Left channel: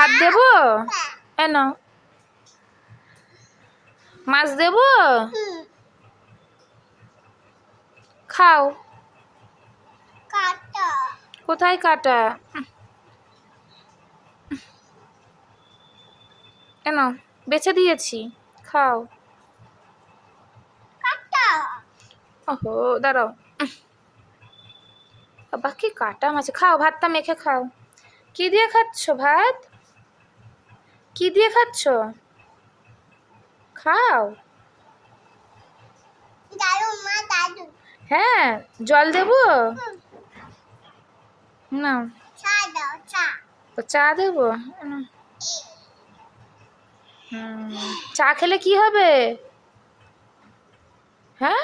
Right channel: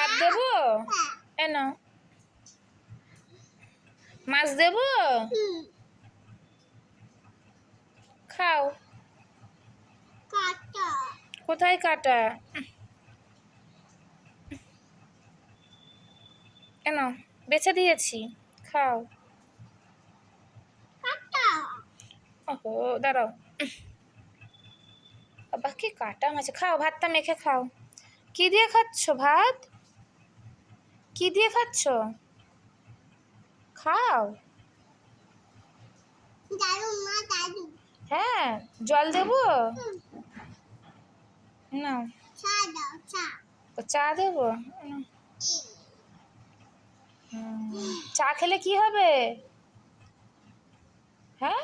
ভাত দেবো? না, মাছ দেবো? খাও। কোথায় কাটা? কেন, বেছে দিয়েছি, খাও। ওহো, দাঁড়াও। বাবা কি কাটা মাছ! খাও, ভাতটা মেখে খাও। কি দিয়ে খাচ্ছ ভাত? কি দিয়ে খাচ্ছ? খাও। হ্যাঁ, জল দেবো? না, তো চা দেবো? চা খেলে কি হবে? হ্যাঁ,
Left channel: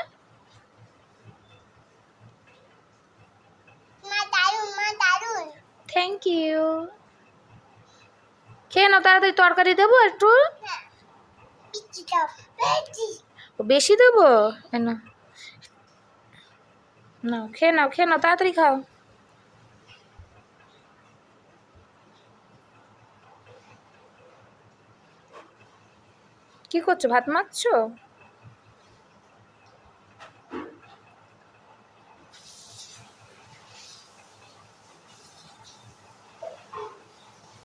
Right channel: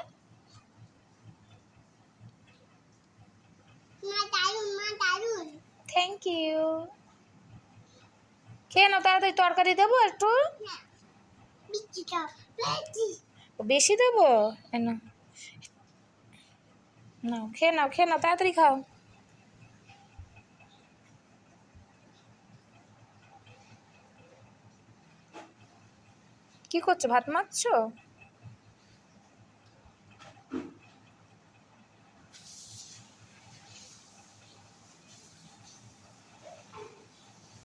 থ্যাংক ইউ। খেয়ে নাও তাড়াতাড়ি। তরকারি দেবো একটু? বেশি দেবো? না, না, খেয়ে নাও, খেয়ে নাও, তাড়াতাড়ি খাও। কি করছো, ভাত মাখছো?